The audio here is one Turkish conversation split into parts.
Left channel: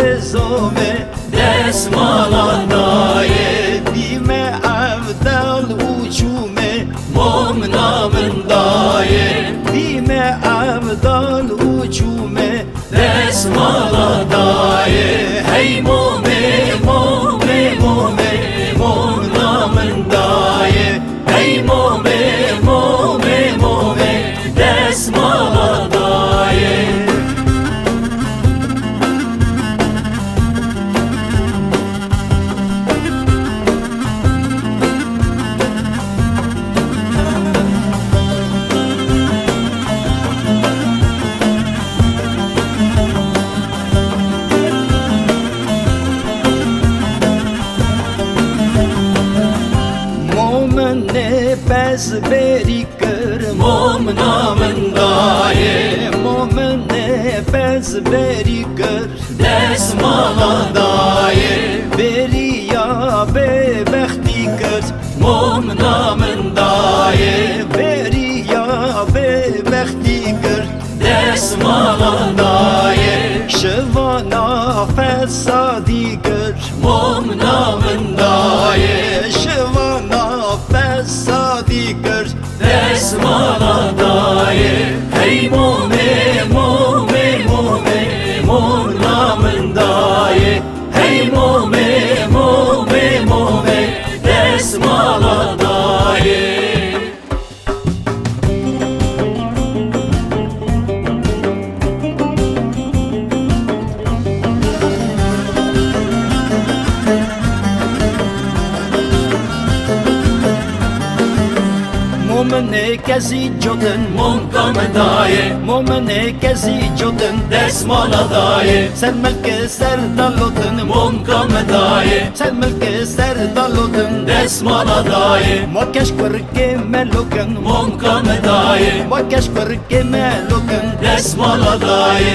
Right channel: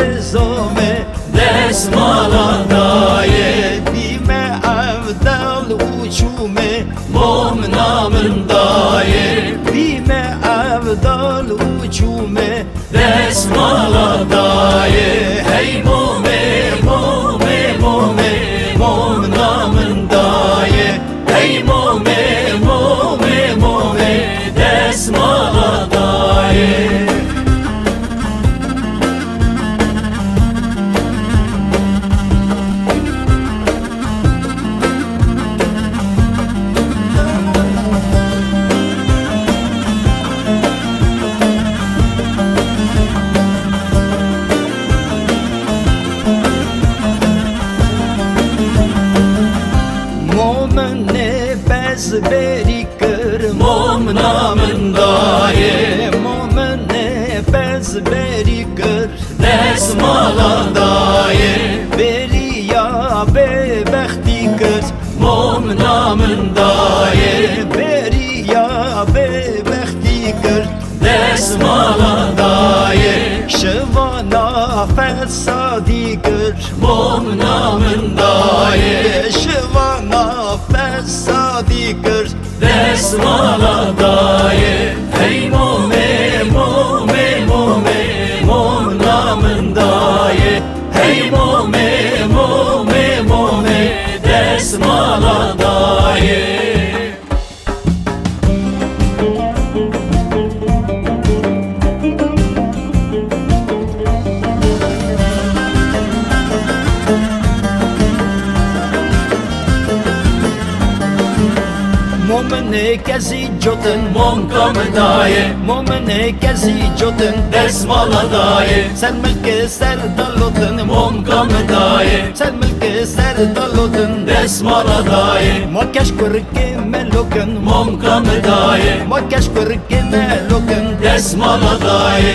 رزومه دسمالا دایه دیمه افدال uçume mom namın daye dime evdal uçume resmala daye hey mome mome mome mom namın daye hey mome mome mome resmala daye Momne bez beri kır mom namın daye Momne bez beri kır desmala daye Beri ya bebekti kır mom namın daye Beri ya bebekti kır desmala daye Şıvana fesadi kır mom namın daye Şıvana fesadi kır desmala daye Hey mome mome mome mom namın daye Hey mome mome mome desmala daye Momne kezi jotun mom kam daye Momne kezi jotun desmala daye Sermelke serdalotun mom kam daye Sermelke serdalotun desmala daye Makesh kurke melokun mom kam daye Makesh kurke melokun desmala daye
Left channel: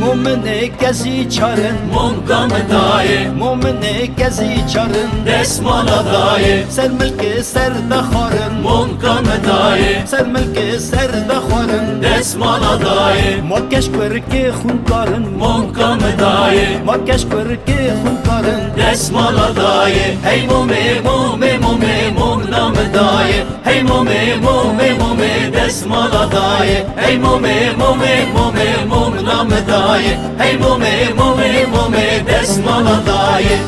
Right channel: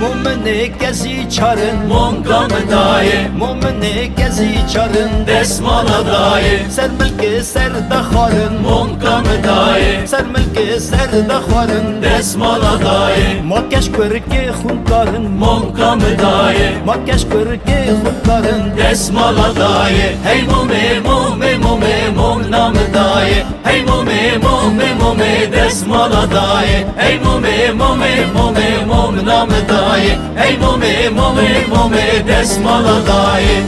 Momne kezi çarın mom kam daye Momne kezi çarın desmala daye Sermelke serdaxarın mom kam daye Sermelke serdaxarın desmala daye Makesh kurke khunkarın mom kam daye Makesh kurke khunkarın desmala daye Hey mome mome mome mom nam daye Hey mome mome mome desmala daye Hey mome mome mome mom nam daye Hey mome mome mome desmala daye